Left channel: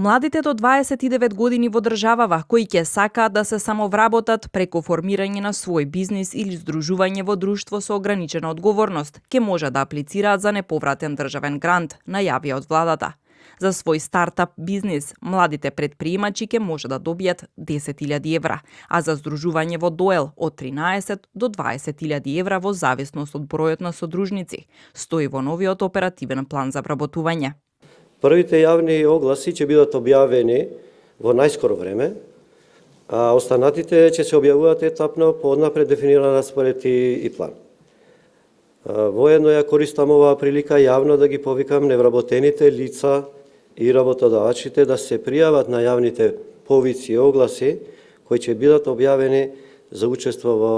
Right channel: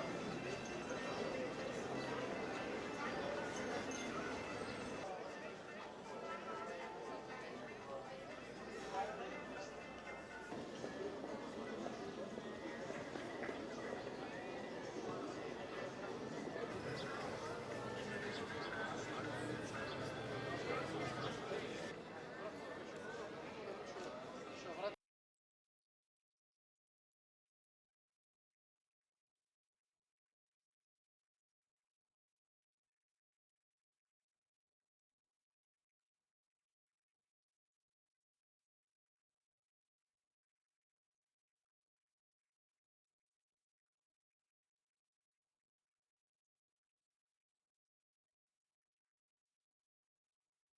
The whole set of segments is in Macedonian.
Младите до 29 години во државава кои ќе сакаат да се самовработат преку формирање на свој бизнис или здружување во друштво со ограничена одговорност, ќе може да аплицираат за неповратен државен грант, најавија од владата. За свој стартап бизнис, младите предприемачи ќе може да добијат 10.000 евра, а за здружување во доел од 13 до 20.000 евра во зависност од бројот на содружници, стои во новиот оперативен план за вработување. Првите јавни огласи ќе бидат објавени во најскоро време, а останатите ќе се објавуваат етапно по однапред дефиниран распоред и план. Воедно ја користам оваа прилика јавно да ги повикам невработените лица и работодавачите да се пријават на јавните повици и огласи кои ќе бидат објавени за учество во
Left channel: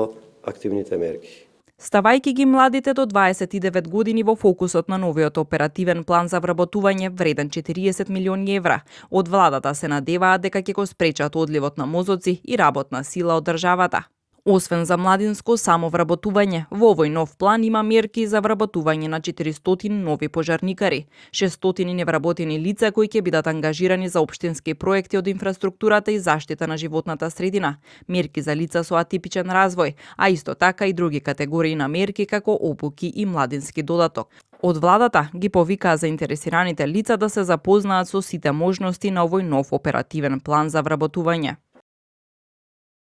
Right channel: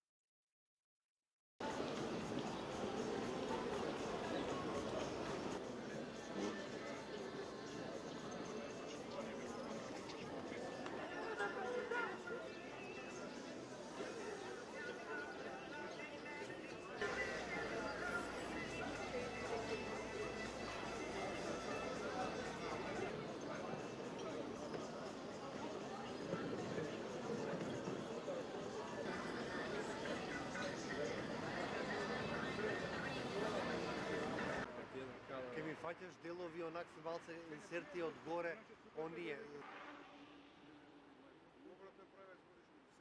активните мерки. Ставајќи ги младите до 29 години во фокусот на новиот оперативен план за вработување вреден 40 милиони евра, од владата се надеваат дека ќе го спречат одливот на мозоци и работна сила од државата. Освен за младинско самовработување, во овој нов план има мерки за вработување на 400 нови пожарникари, 600 невработени лица кои ќе бидат ангажирани за општински проекти од инфраструктурата и заштита на животната средина, мерки за лица со атипичен развој, а исто така и други категории на мерки како обуки и младински додаток. Од владата ги повикаа заинтересираните лица да се запознаат со сите можности на овој нов оперативен план за вработување.